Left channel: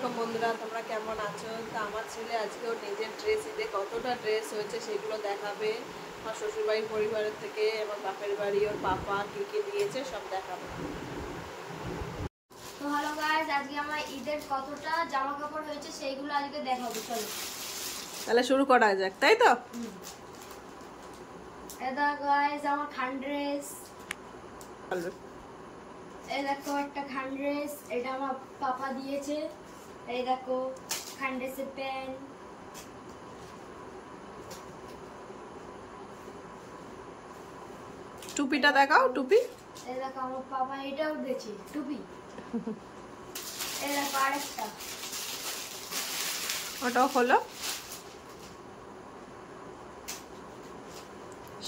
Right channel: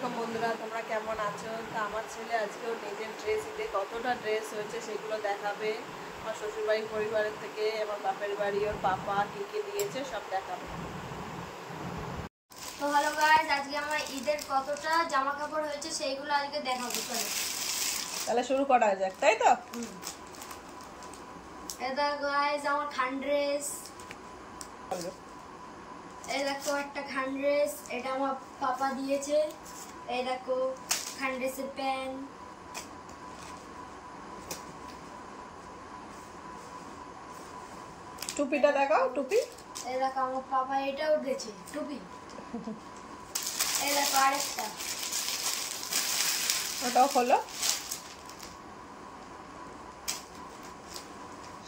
আলাইকুম বন্ধুরা, তোমরা কেমন আছো? তো আমার ছেলে আজকেও নিজের ড্রেস ঈদে কতটা ড্রেস হয়েছে সেগুলো দেখাবে। আমার শ্বশুরবাড়ির পরিবারের থেকে আমার বাপের বাড়ি ওর পাপা কি কি দিয়েছে সব দেখাবে। তো হ্যালো গাইস, আজকে আমার ঈদের কতটা জামা কাপড় হয়েছে সেইগুলো আজকে দেখাবো। চলো তাহলে শুরু করা যাক, তাই তো? এটা গাইস আমার খান ড্রেস, এই দেখো একটা খান ড্রেস, এটা আমার পাপা দিয়েছে। এই দেখো খান ড্রেসের প্যান্ট, টুপিটা দেখাও। টুপি এই দেখো আমার পাপা এটাও দিয়েছে টুপি। এই দেখো আরেকটা, ওটাও খোলো,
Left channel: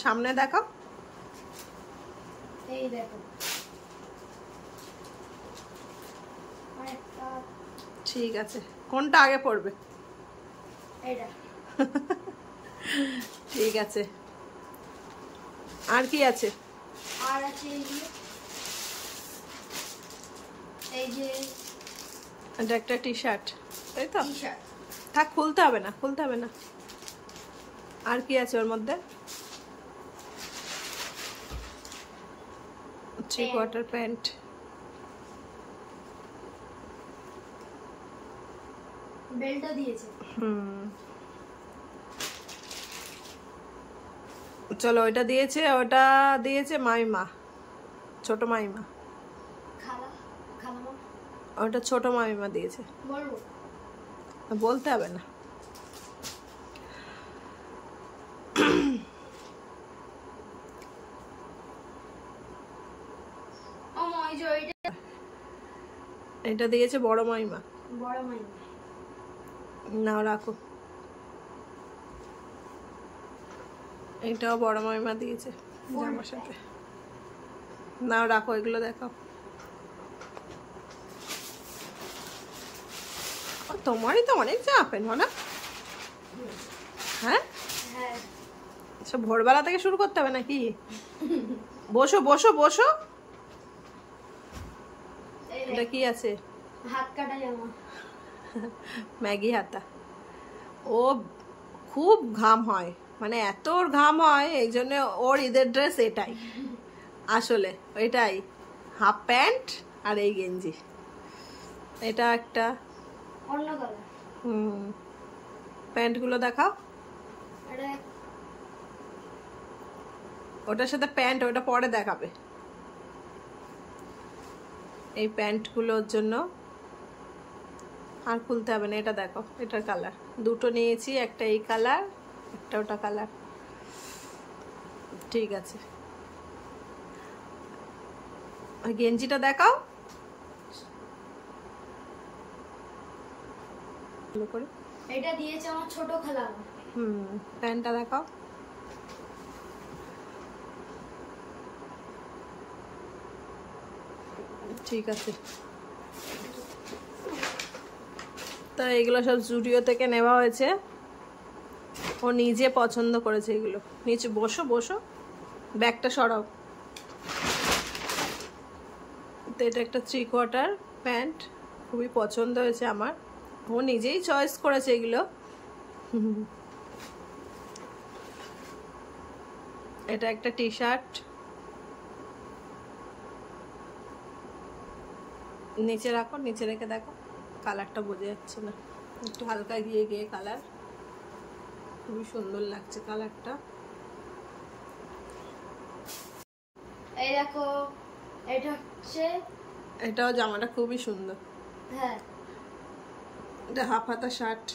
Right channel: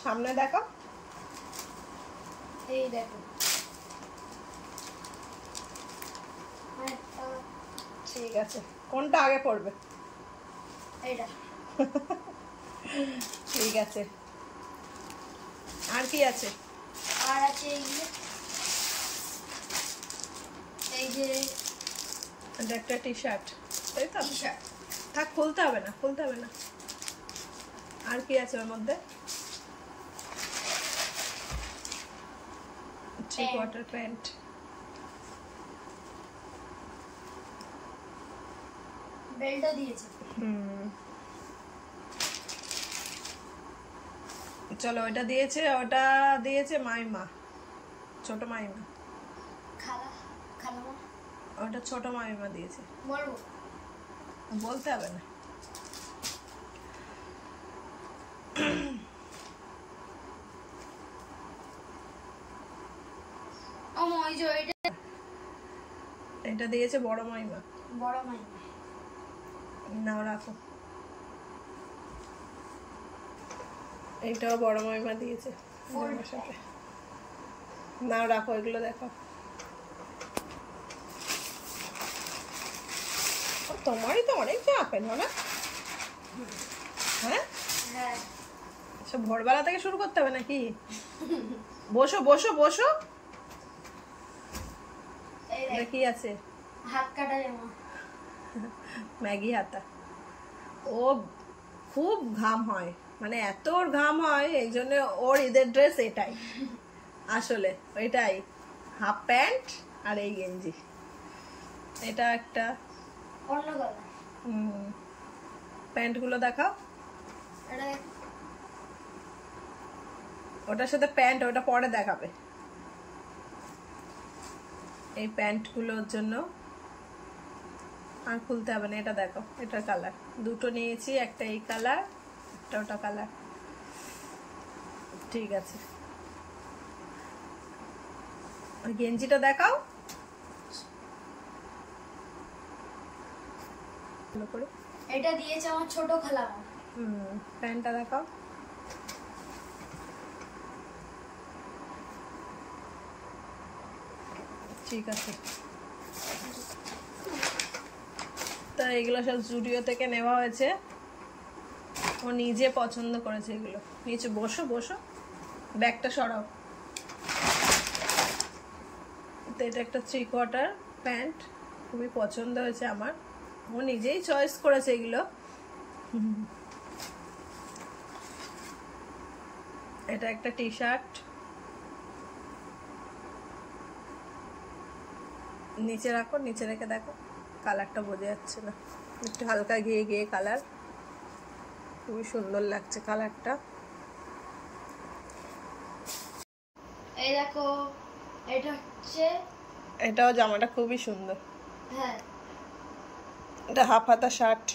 সামনে দেখাও। এই দেখো আরেকটা। ঠিক আছে, কোনটা আগে পড়বে? এইটা। ঠিক আছে, আর কি আছে? আর আছে এই যে এটা একটা টি শার্ট, তাই তো? T shirt. থাক, খুলতে হবে না, খুলতে হবে না। আর কি আছে ওর মধ্যে? Three quarter pant. বেল্টও দিয়েছে। চলো, ওটা দিয়েছে, ওটা দিয়েছে মাইমা, ছোট মাইমা। খালা খালামা ওটা ছোট মাইমা দিয়েছে। বলবো? বলতে হবে না। ও ওই যে ওইটা এটা দিয়েছে বড় মাইমা। বড় মাইমা। নাও রাখো। এইটাও বড় মাইমা দিয়েছে জামার সাথে। নাও রাখো, এগুলো দেখো। তোমারই তো অনেক জামা প্যান্ট না? হ্যাঁ, হ্যাঁ সব ভোরবেলা থেকে শুরু করতে হবে নাকি? বসো বসো বসো। এটা কি আছে? হাত কাটা জামা। ম্যাগি হাতা। ও খুব ঘাম হয়, মানে এত ওর ঘাম হয়, এই জন্য ওর ঈদের ড্রেস এটাই আসলে। এটাই হাফ প্যান্ট আর এই গেঞ্জি। এটা একটা অন্য কালার। প্যান্টগুলো দেখাও। এটা ওটার সাথে প্যান্ট, ওটা পরে দেখাবে। এই প্যান্টগুলোর জন্য আর খুলতে হবে না। এটা দেখো, এটার কালার দুটো নিয়েছি, একটা এই কালার, একটা ওটা কালার। ঠিক আছে, আর গেঞ্জিটা দেখাও ভালো করে। এটা দিয়েছে আমার ছোট খালামা। প্যান্টটা দেখাও। ঠিক আছে, তো এগুলো সব জুডিও থেকে নেওয়া হয়েছে। ও নিজে পছন্দ করেছে এগুলো। নিচে বসো বসো, ব্যাগটা সরাও। তো এটা একটা থ্রি কোয়ার্টার প্যান্ট, খুবই পছন্দ হয়েছে আমার। ও নিজেই চয়েস করেছে এগুলো। এটা একটা টি শার্ট, নিচে রাখো, নিচে রেখে দেখো, কালারটা বোঝা যাচ্ছে না, একটু হালকা গিয়ে গিয়ে কালার, খুবই সুন্দর লাগছে কালারটা। এই দেখো এটা হচ্ছে, এটাও জামাটা খুবই সুন্দর। হ্যাঁ এটা হাফ হাতা শার্ট,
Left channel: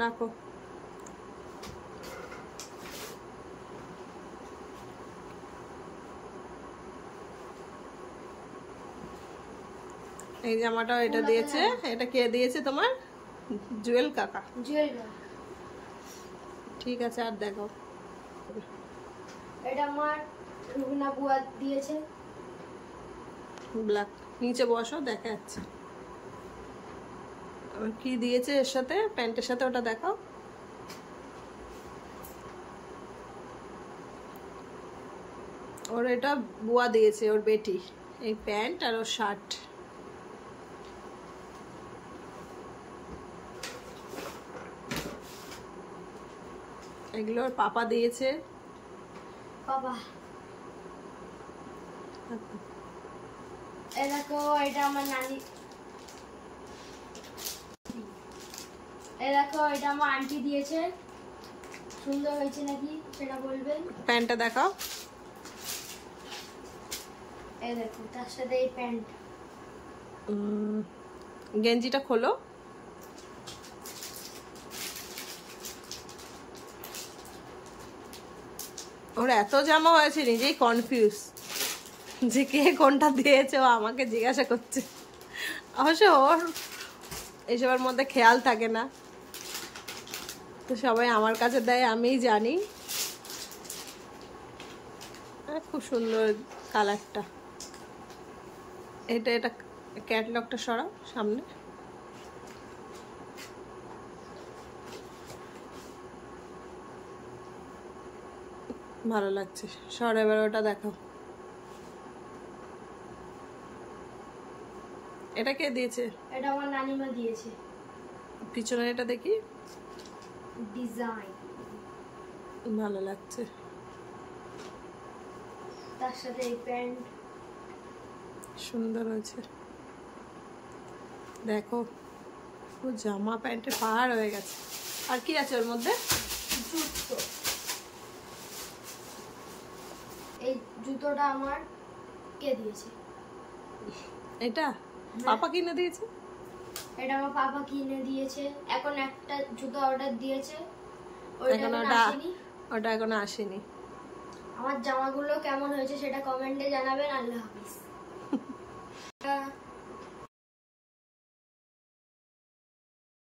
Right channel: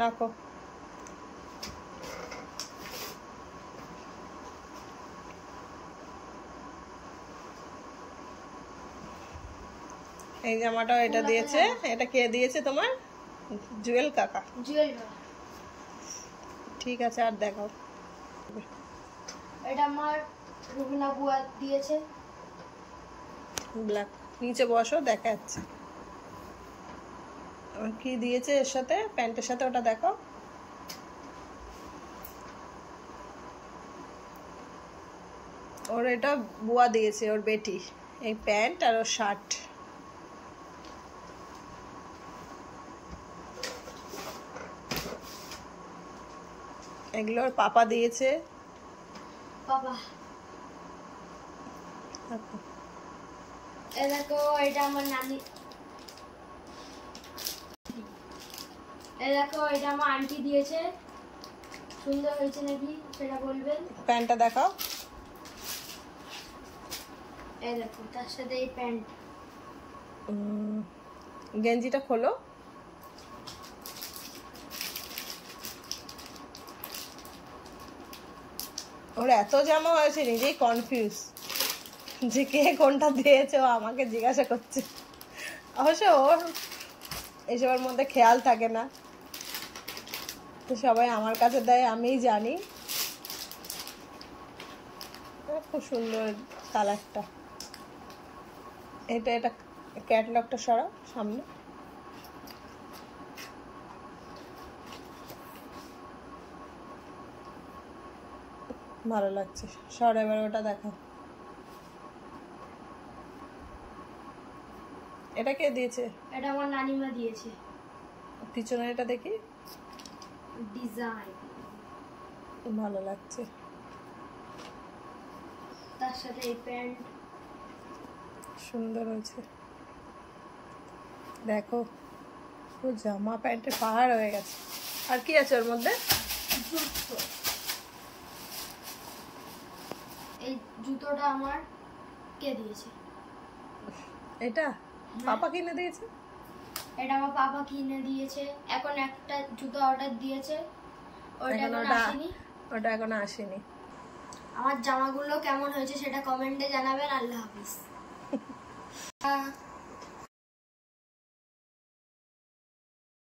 রাখো। এই জামাটাও এটা দিয়েছে। এটা কে দিয়েছে তোমার? জুয়েল কাকা। জুয়েল। ঠিক আছে, আর দেখাও। এটা আমার রুবিনা বুয়া দিয়েছে। ব্ল্যাক। নিচে বসো, দেখা যাচ্ছে। কি দিয়েছে এর সাথে, প্যান্টের সাথে, ওটা দেখাও। ওর এটা বুয়া দিয়েছে, ওর বেটি। এই প্যান্ট আর ওর শার্ট। এগুলো ওর পাপা দিয়েছে। বাবা এই দেখো এটা আমার নানি, এই দেখো এটা আমার আন্টি দিয়েছে। সুন্দর হয়েছে নাকি সেটা বলবেন। প্যান্টটা দেখাও। এই দেখো তার সাথে এই প্যান্ট। গেঞ্জিটা খোলো। ওর এত জামা হয়েছে নিজেই কনফিউজ যে কে কোনটা দিয়েছে, ও আমাকে জিজ্ঞাসা করছে। অবশ্য ওর এইসবের মধ্যে খেয়াল থাকে না, তো সবাই আমার কাছে দেয়, আমিই জানি। খুব সুন্দর কালারটা। এটা ক্যাটলগটা সরাও সামনে। ভালো লাগছে। সর এবার ওটা দেখো। এটা কে দিয়েছে? এটা আমার নানিমা দিয়েছে। পিছনে এটা দেখি, ডিজাইন ভালো লাগছে। তার সাথে এই প্যান্ট সুন্দর হয়েছে। দেখো ও জামা প্যান্টের পাহাড় হয়ে গেছে। আর কি আছে ওর মধ্যে? জুতো। এই জুতোটা আমার কে দিয়েছে? এটা পাপা কিনে দিয়েছে। এটা আমার পাপা কিনে দিয়েছে। এখন একটা জুতো অর্ডার দিয়েছে, ওটা এখন এখনো আসেনি। ওটা এখনো আসেনি। আমার জামাগুলো কেমন হয়েছে সেটা কমেন্টে জানাবেন। আল্লাহ হাফিজ।